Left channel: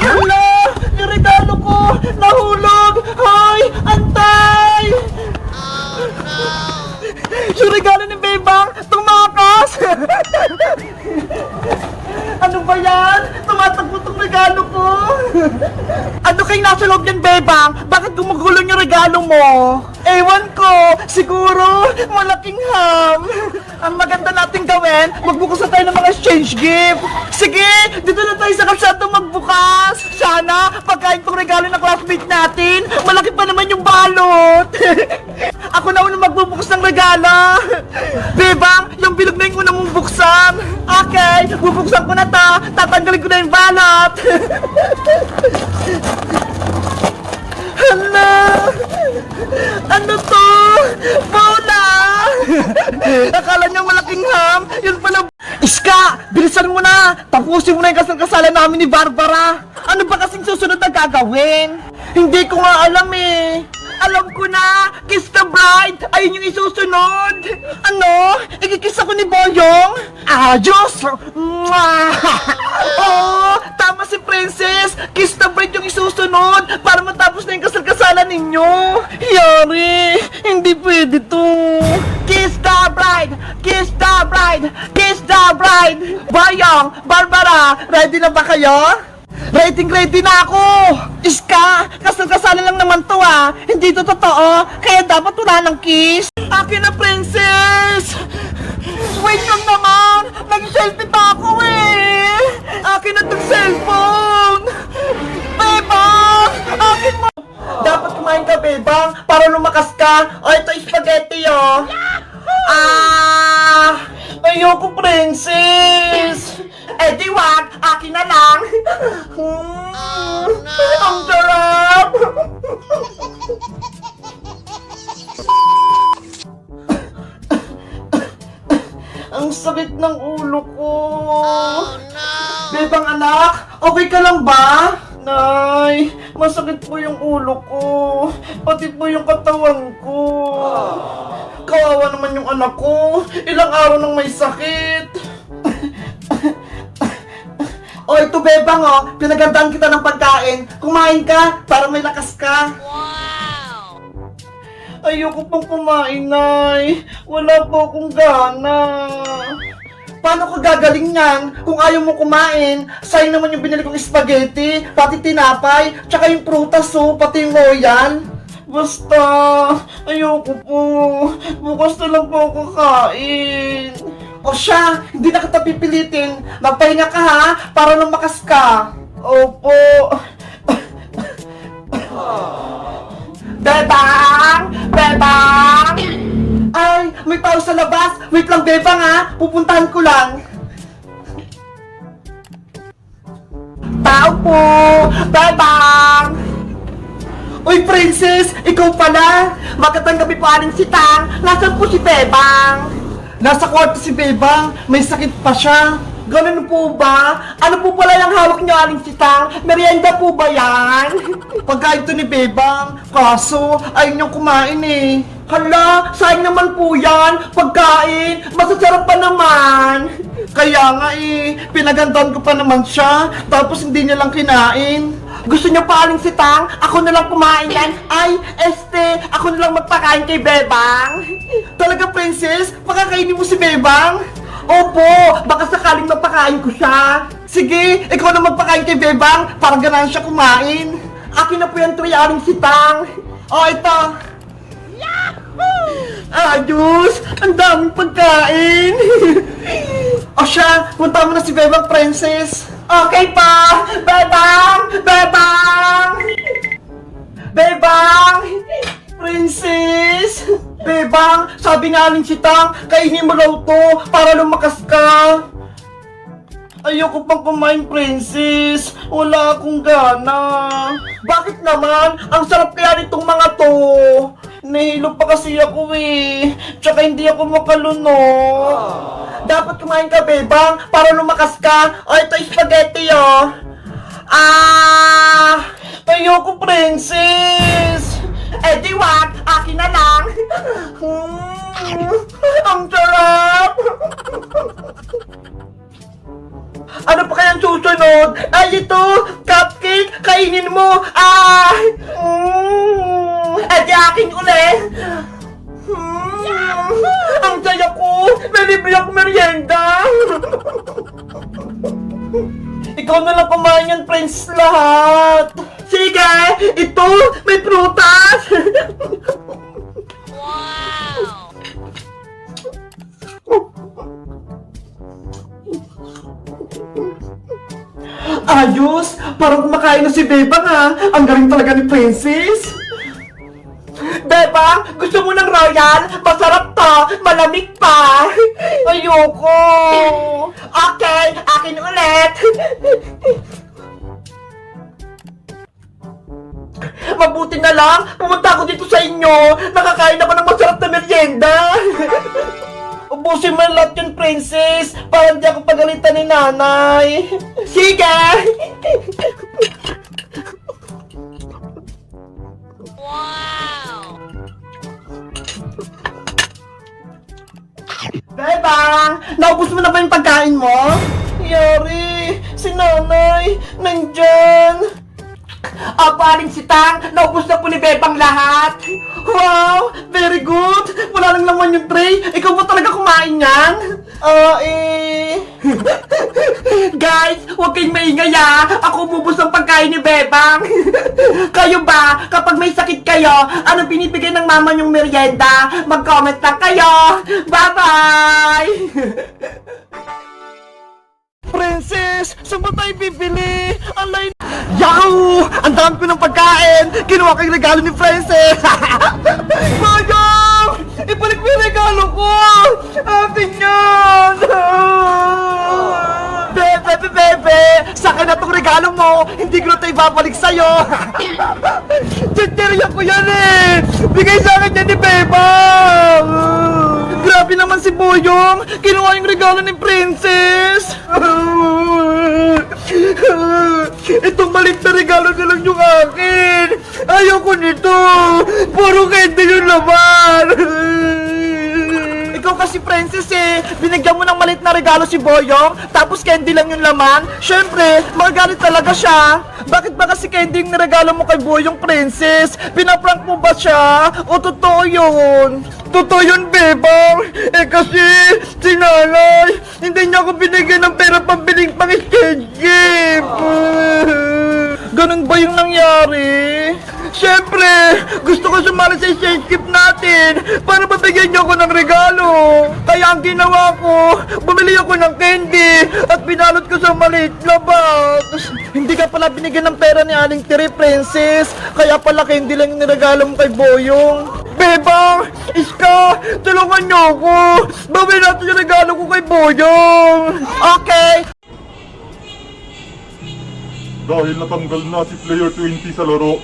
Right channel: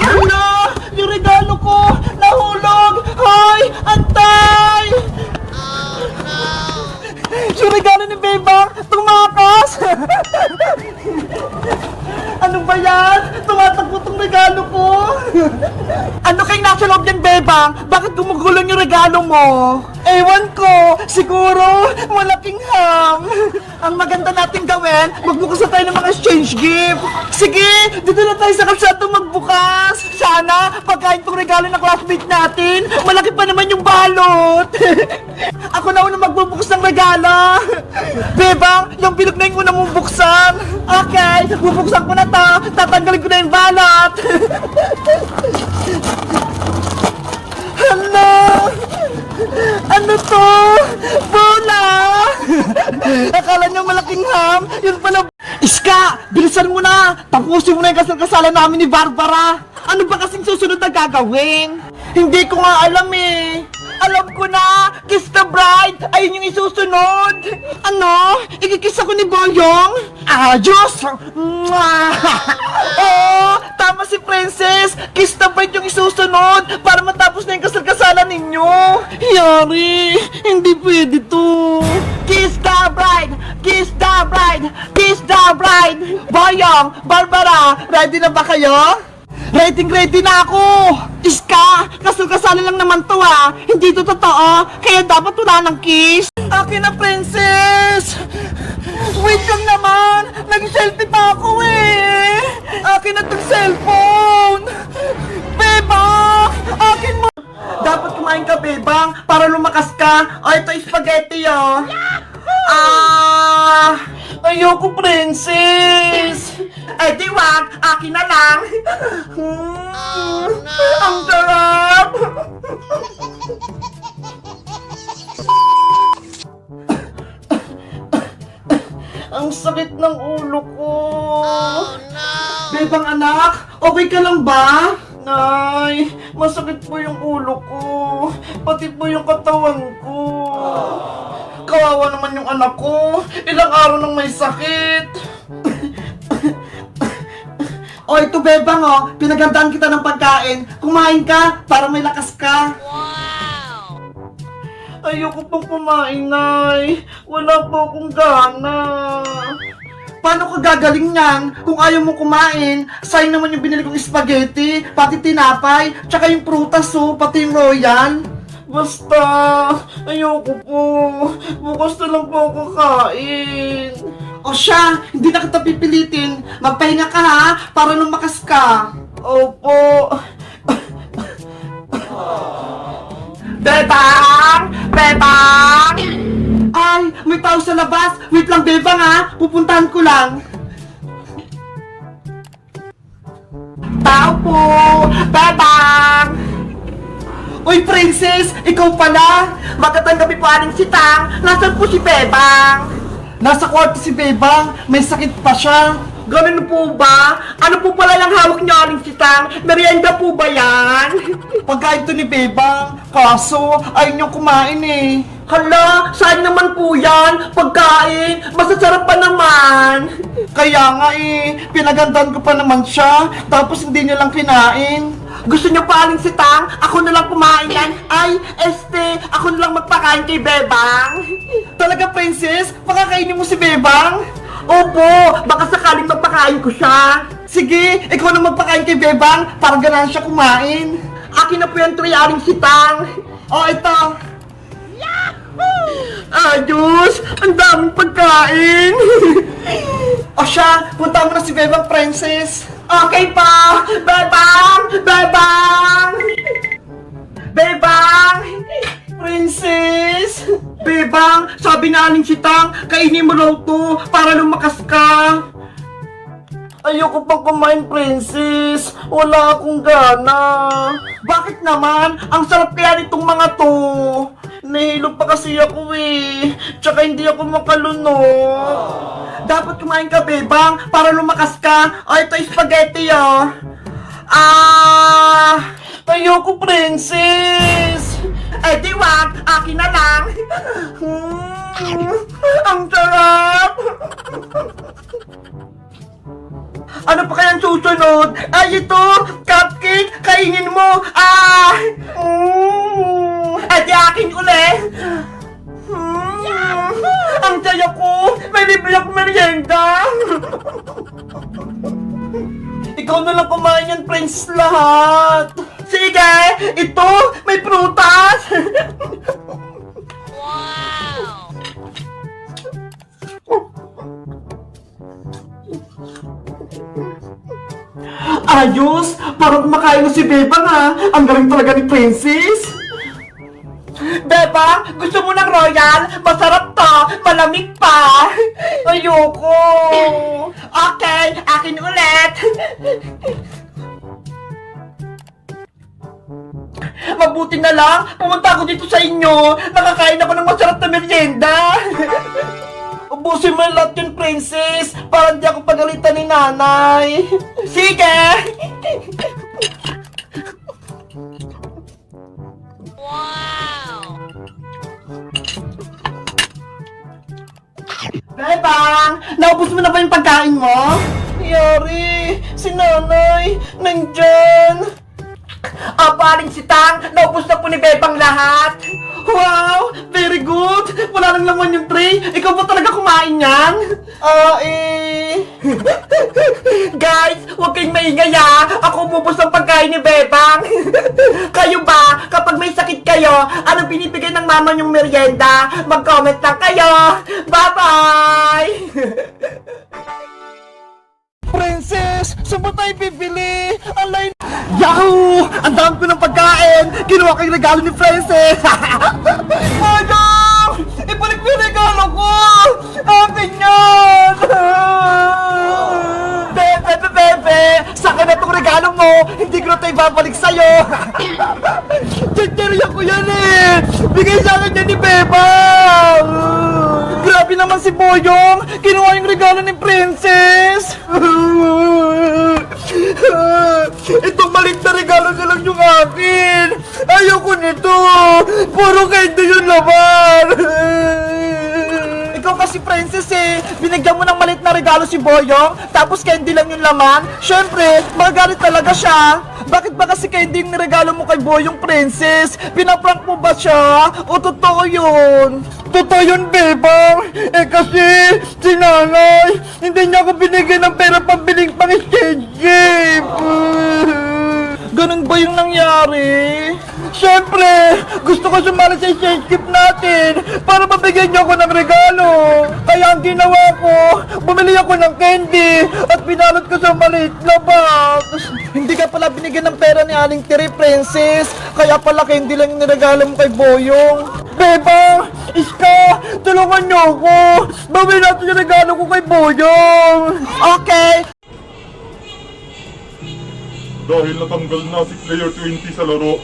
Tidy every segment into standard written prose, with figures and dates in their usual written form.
Hala! Yung regalo ko! Nahulog! Hoy! Antay! Oh, no! Yung regalo ni Bebang! Tumakas! Ano ba yan? Tumatakbo tong regalo ko! Ano kayong nasa loob ng Bebang? Bakit gumugulong yung regalo mo? Ewan ko! Siguro, malaking ham! Ang maganda nating gawin, magbukas na tayo ng mga exchange gift! Sige! Dito na tayo sa kalsado magbukas! Sana, pagkain tong regalo ng classmate natin, malaki pa naman yung balot! Ako na unang magbubukas ng regalo! Bebang, yung bilog na yung una mong buksan! Okay, bubuksan ko na to! Tatanggalin ko na yung balot! Hala! Ano to? Bola! Akala niyo malaking ham? Yun pala... Iska! Bilisan mo na! Tapusin mo na yung kasal-kasalan namin ni Barbara! Ano ba kasing susunod na gagawin? Hindi ko nga alam eh! Alam ko na! Kiss the bride! Ayun yung isusunod! Ano? Ikikiss ako ni Boyong? Diyos! Oh! Tama si Princess! Kiss the bride yung isusunod! Para matapos na yung kasal-kasalan ninyo! Yari! Hindi pwede to! Kiss the bride! Kiss the bride! Kiss the bride! Boyong! Barbara! Ready na ba kayo? Ready na ako! Iska! Kasal-kasalan lang naman to ah! Hindi to totoo! Kaya dapat wala ng kiss! Akin na, Princess! Wait lang naman! Nag-selfie pa ako eh! Akin na tong cellphone! Beba! Akin mo! Dapat kumain ka, Bebang, para lumakas ka! O, ito spaghetti oh! Ayoko, Princess! Eh, di wag! Akin na lang! Ang sarap! Ang sakit ng ulo ko! Bebang anak, okay ka lang ba? Nay, masakit po yung ulo ko. Pati po yung katawan ko. Kawawa naman yung anak ko. Ilang araw nang may sakit. O, ito Bebang oh, pinagandaan kita ng pagkain. Kumain ka para may lakas ka. Wow! Ayoko pong kumain, Nay. Wala po akong gana. Paano ka gagaling yan kung ayaw mo kumain? Sayang naman yung binili kong spaghetti, pati tinapay, tsaka yung prutas oh, pati yung royal. Basta, ayoko po. Bukas na lang po ako kakain. O siya, hindi na kita pipilitin. Magpahinga ka ha, para lumakas ka. Opo. Bebang! Bebang! Ay, may tao sa labas. Wait lang, Bebang ha. Pupuntahan ko lang. Tao po! Bebang! Uy, Princess! Ikaw pala! Magandang gabi po, Aling Sitang. Nasaan po si Bebang? Nasa kwarto si Bebang. May sakit pa siya. Ganun po ba? Ano po pala lang hawak niyo, Aling Sitang? Merienda po ba yan? Pagkain to ni Bebang. Kaso, ayun niyong kumain eh. Hala, saan naman po yan? Pagkain, masasarap pa naman. Kaya nga eh, pinagandaan ko pa naman siya. Tapos hindi niya lang kinain. Gusto niyo pa, Aling Sitang? Ako na lang kumain yan. Ay, ako na lang magpakain kay Bebang. Talaga, Princess? Pakakainin mo si Bebang? Opo, baka sakaling magpakain ko siya. Sige, ikaw na magpakain kay Bebang para ganahan siya kumain. Akin na po yung tray, Aling Sitang. O, ito. Diyos! Ang daming pagkain! O siya, punta mo na si Bebang, Princess. Okay pa! Bebang! Bebang! Bebang! Princess! Bebang, sabi na Aling Sitang, kainin mo raw to para lumakas ka. Ayoko pang kumain, Princess. Wala akong gana. Bakit naman? Ang sarap kaya nitong mga to. Nahilo pa kasi ako eh. Tsaka hindi ako makalunod. Dapat kumain ka, Bebang, para lumakas ka. O, ito spaghetti oh. Ayoko, Princess. Eh, di wag. Akin na lang. Ang sarap. Ano pa kayang susunod? Ay, ito! Cupcake! Kainin mo! Ah! At akin uli! Ang saya ko! May libre akong merienda! Ikaw na lang kumain yan, Prince, lahat! Sige! Ito! May prutas! Wow! Ayos! Parang kumakain na si Bebang ha! Ang galing talaga ni Princess! Bebang! Gusto mo ng royal? Masarap to! Malamig pa! Ayoko! Okay! Akin ulit! Mabuti na lang! Pumunta ako dito sa inyo! Nakakain ako ng masarap na merienda! Ubusin mo lahat yun, Princess! Para hindi ako pagalitan ni nanay! Sige! Wow! Bebang! Naubos mo na ba yung pagkain mo? Yari! Si nanay! Nandyan! Aling si Tang! Naubos na po ni Bebang lahat! Wow! Very good! Wala lang naman yung tray! Ikaw ba talaga kumain yan? Guys! Huwag kayong maingay ha! Ako bubos ang pagkain ni Bebang! Kayo ba? Kapag may sakit kayo, ano binibigay ng mama yung merienda? Mag-comment lang kayo! Bye-bye! Princess! Saan ba tayo bibili? Alay... Yahoo! Ang dami ko ng pagkain! Kinuha ko yung regalo ni Princess! Madam! Ibalik mo yung regalo ko! Atin yan! Bebe! Saka na itong regalo mo! Hindi ko na ito ibabalik sa'yo! Tiyariya ko yan eh! Bigay sa akin yan ni Bebang! Grabe naman si Boyong! Kinuha yung regalo ni Princess! Itong maliit na regalo na lang yung akin! Ayoko nito! Puro candy yung laman! Ikaw kasi, Princess eh! Binigyan mo ng maliit na regalo si Boyong, tapos candy lang yung laman? Siyempre, magagalit talaga siya! Bakit ba kasi candy yung regalo mo kay Boyong, Princess? Pinaprank mo ba siya? O totoo yun? Totoo yun, Bebang! Eh kasi, si nanay, hindi niya ako binigyan ng pera pambiling pang-skate game! Ganun ba yung nangyari? Siyempre, gusto ko sumali sa skate game natin para mabigyan niyo ako ng regalo. Kaya ang ginawa ko, bumili ako ng candy at pinalot ko sa maliit na box. Hindi ka pala binigyan ng pera ni Aling Tiri, Princess. Kaya pala candy lang yung niregalo mo kay Boyong. Bebang! Iska! Tulungan niyo ako! Bawin natin yung regalo ko kay Boyong! Okay! Dahil natanggal na si Player 20 sa laro,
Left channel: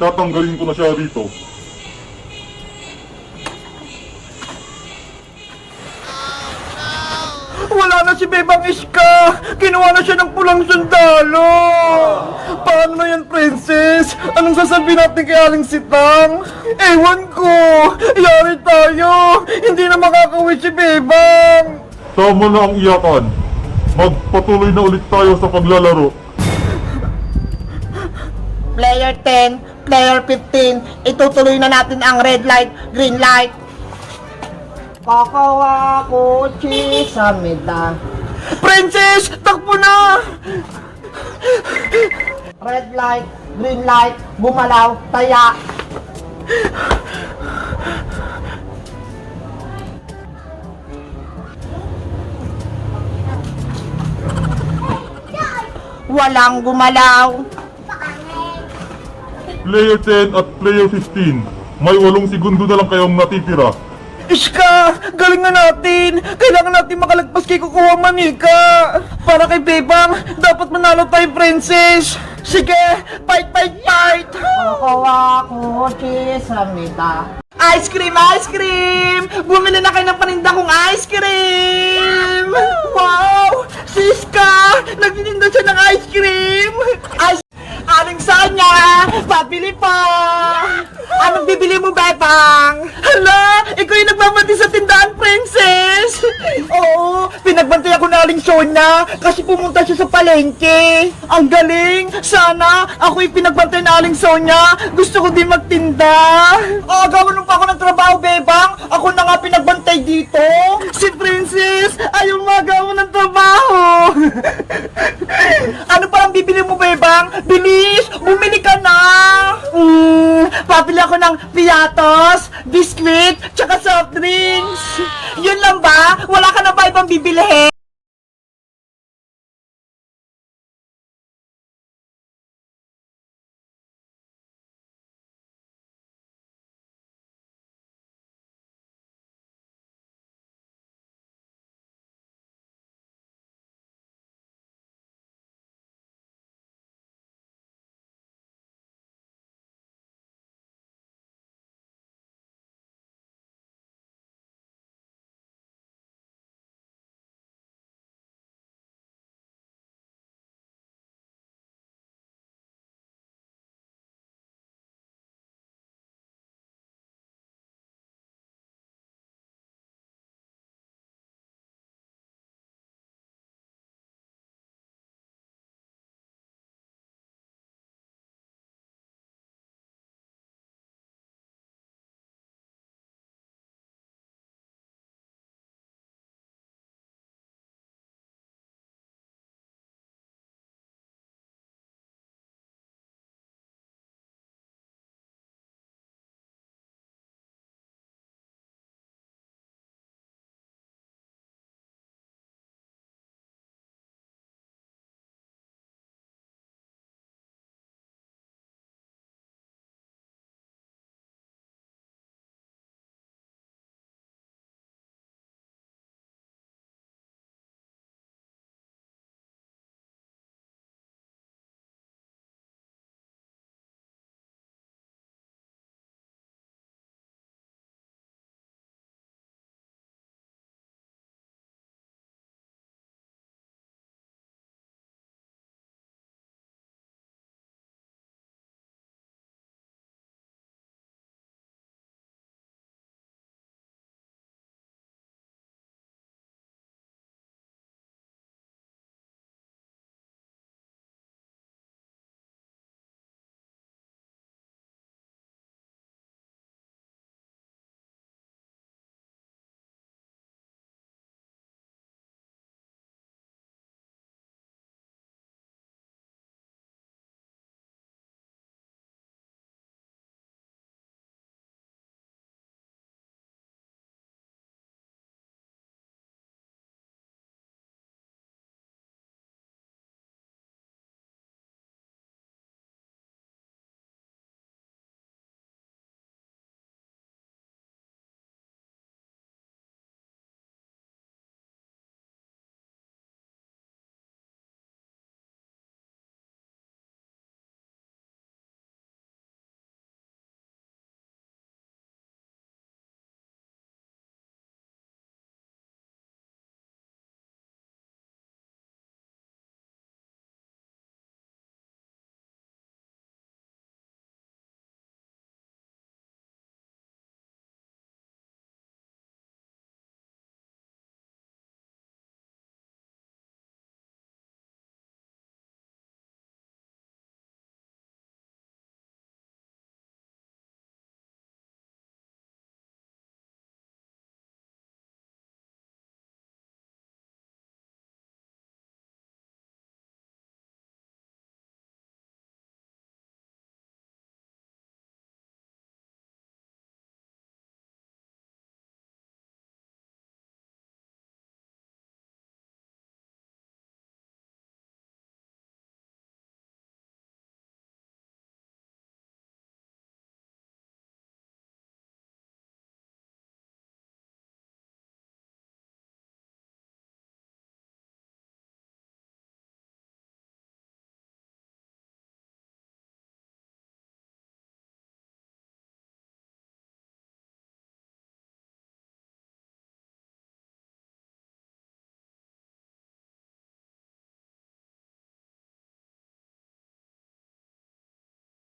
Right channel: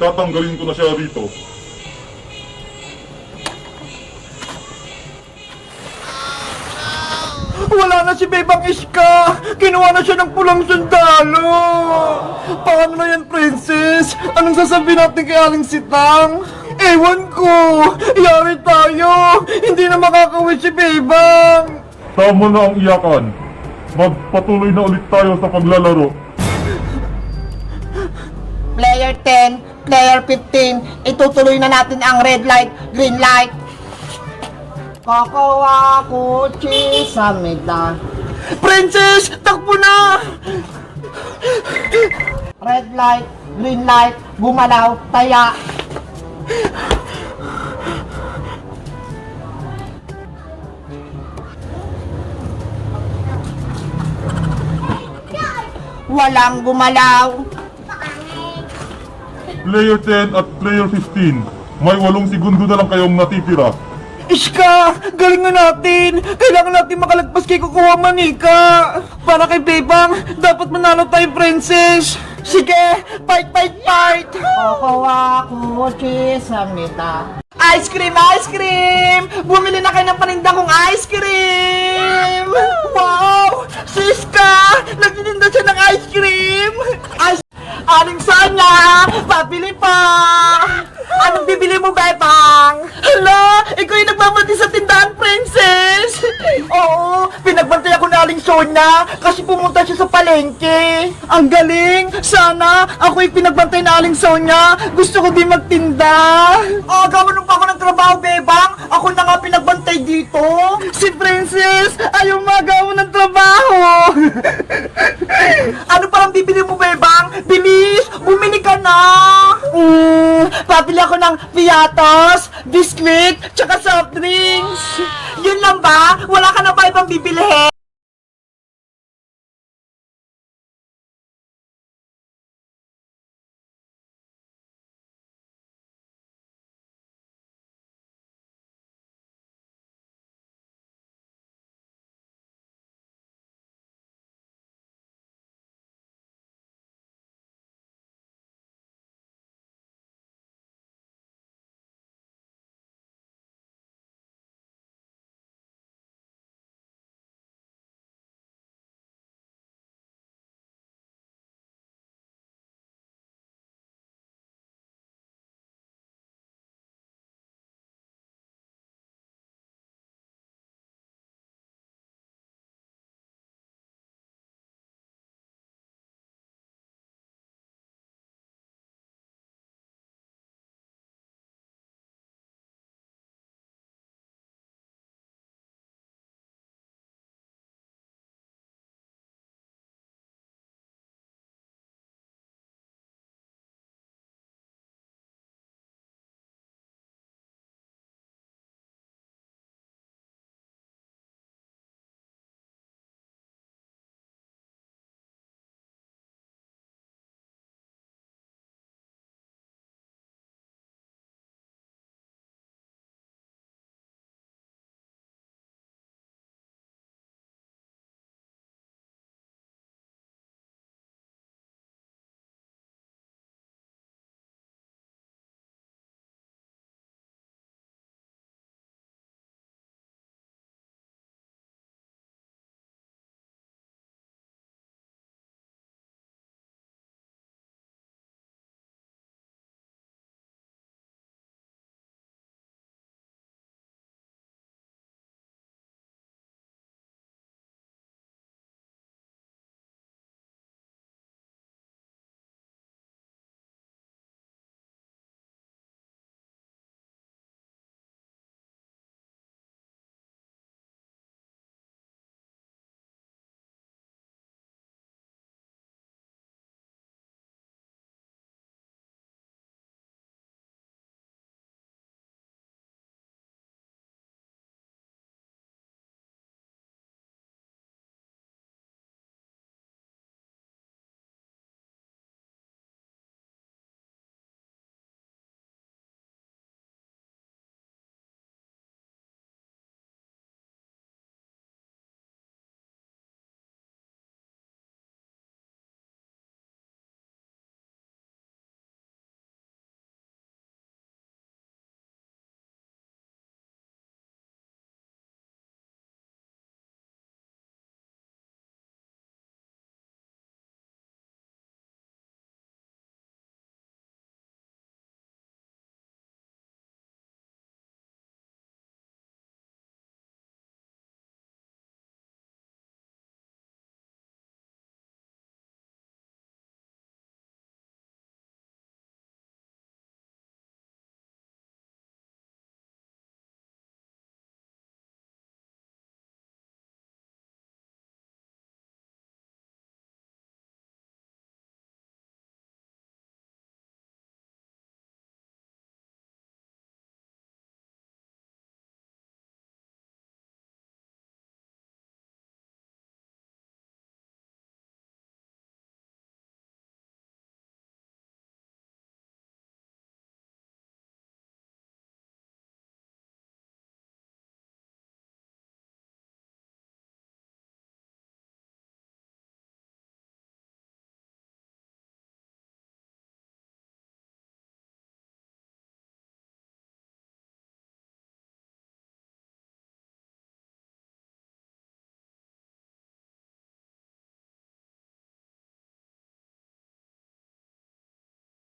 tatanggalin ko na siya dito. Wala na si Bebang Iska! Kinuha na siya ng pulang sundalo! Paano na yan, Princess? Anong sasabihin natin kay Aling Sitang? Ewan ko! Yari tayo! Hindi na makakawin si Bebang! Tama na ang iyakan. Magpatuloy na ulit tayo sa paglalaro. Player 10, Player 15, itutuloy na natin ang red light, green light. Kakawa ko, sa medan. Princess! Takbo na! Red light, green light, gumalaw, taya. Walang gumalaw. Player 10 at Player 15, may 8 segundo na lang kayong natitira. Iska! Galingan natin! Kailangan natin makalagpas kay Kukuha Manika! Para kay Bebang, dapat manalo tayo, Princess! Sige! Fight, fight, fight! Kukuha ko, chisamita. Ice cream! Ice cream! Bumili na kayo ng paninda kong ice cream! Wow! Siska! Nagtitinda siya ng ice cream! Aling Sanya! Pabili pa! Anong bibili mo, Bebang? Hala! Ikaw yung nagbabati sa tindahan, Princess! Oo! Pinagbantay ako na Aling Sonia kasi pumunta siya sa palengke. Ang galing! Sana ako'y pinagbantay na Aling Sonia. Gusto ko din magtinda. Gawan pa ako ng trabaho, Bebang. Ako na nga pinagbantay dito. Si Princess ayaw magawa ng trabaho. Ano parang bibili mo, Bebang? Bilis! Bumili ka na! Pabili ako ng piatos, biscuit, tsaka soft drinks. Yun lang ba? Wala ka na ba ibang bibilihin?